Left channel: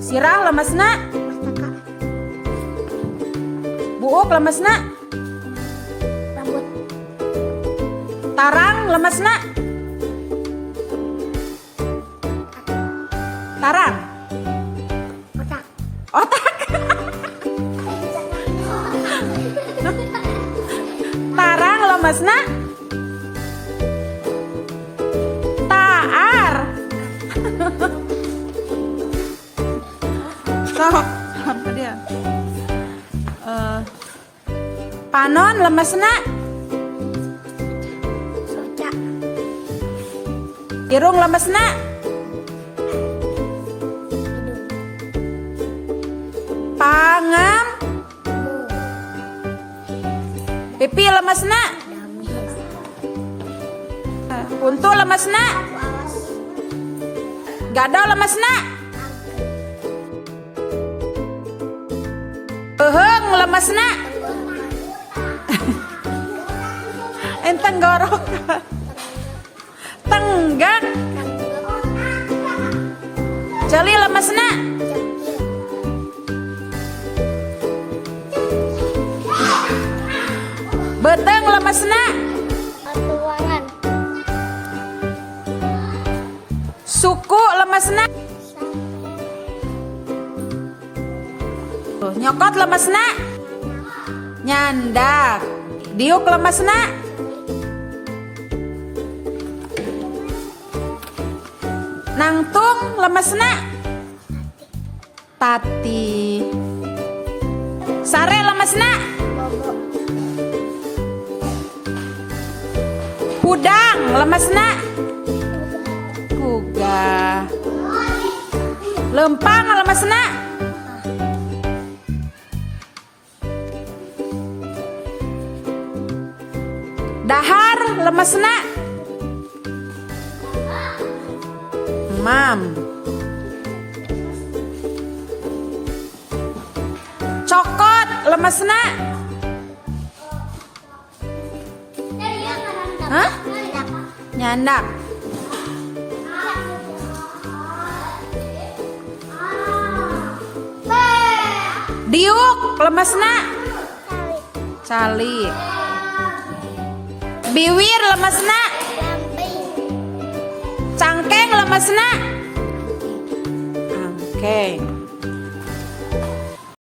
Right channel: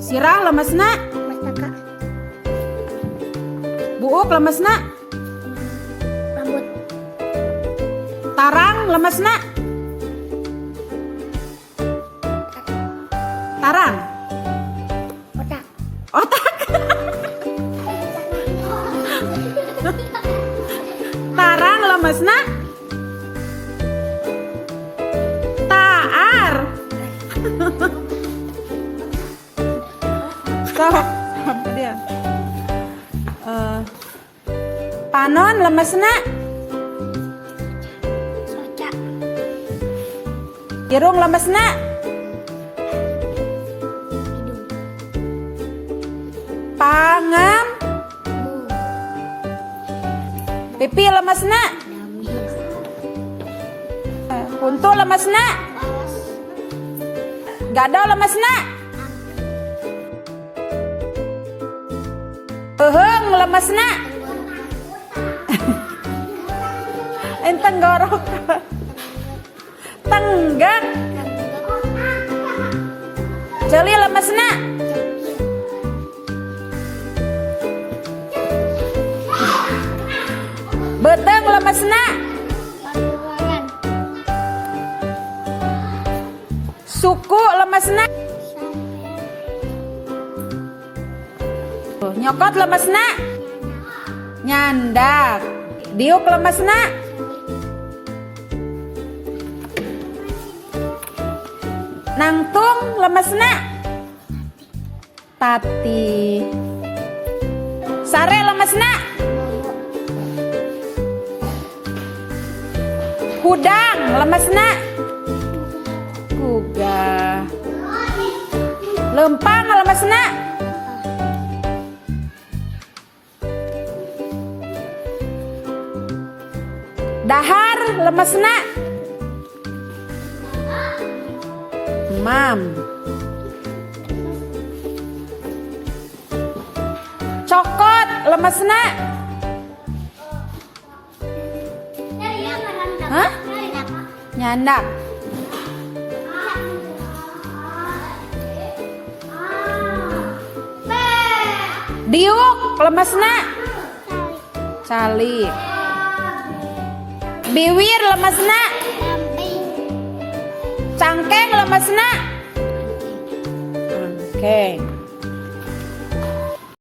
Sirah lemesna. Mastaka. Buuk lemesna. Rambut. Tarang lemesna. Tarang. Otak. Otak. Tarang lemesna. Taar. Sok, apa dia? Panon lemesna. Soca. Irung lemesna. Pangam. Pipi lemesna. Kuntu lemesna. Gado lemesna. Eheng lemesna. Enteng gorok. Tenggang. Jeli lemesna. Beteng lemesna. Ruangan. Suku lemesna. Nyokot lemesna. Nyandak. Diuk lemesna. Nangtung lemesna. Tati. Sare lemesna. Pudang lemesna. Kuga. Lempang lemesna. Dahar lemesna. Mam. Cokot lemesna. Hah? Nyandak. Diuk lemesna. Cali. Biwir lemesna. Cangkeng lemesna. Angkeng.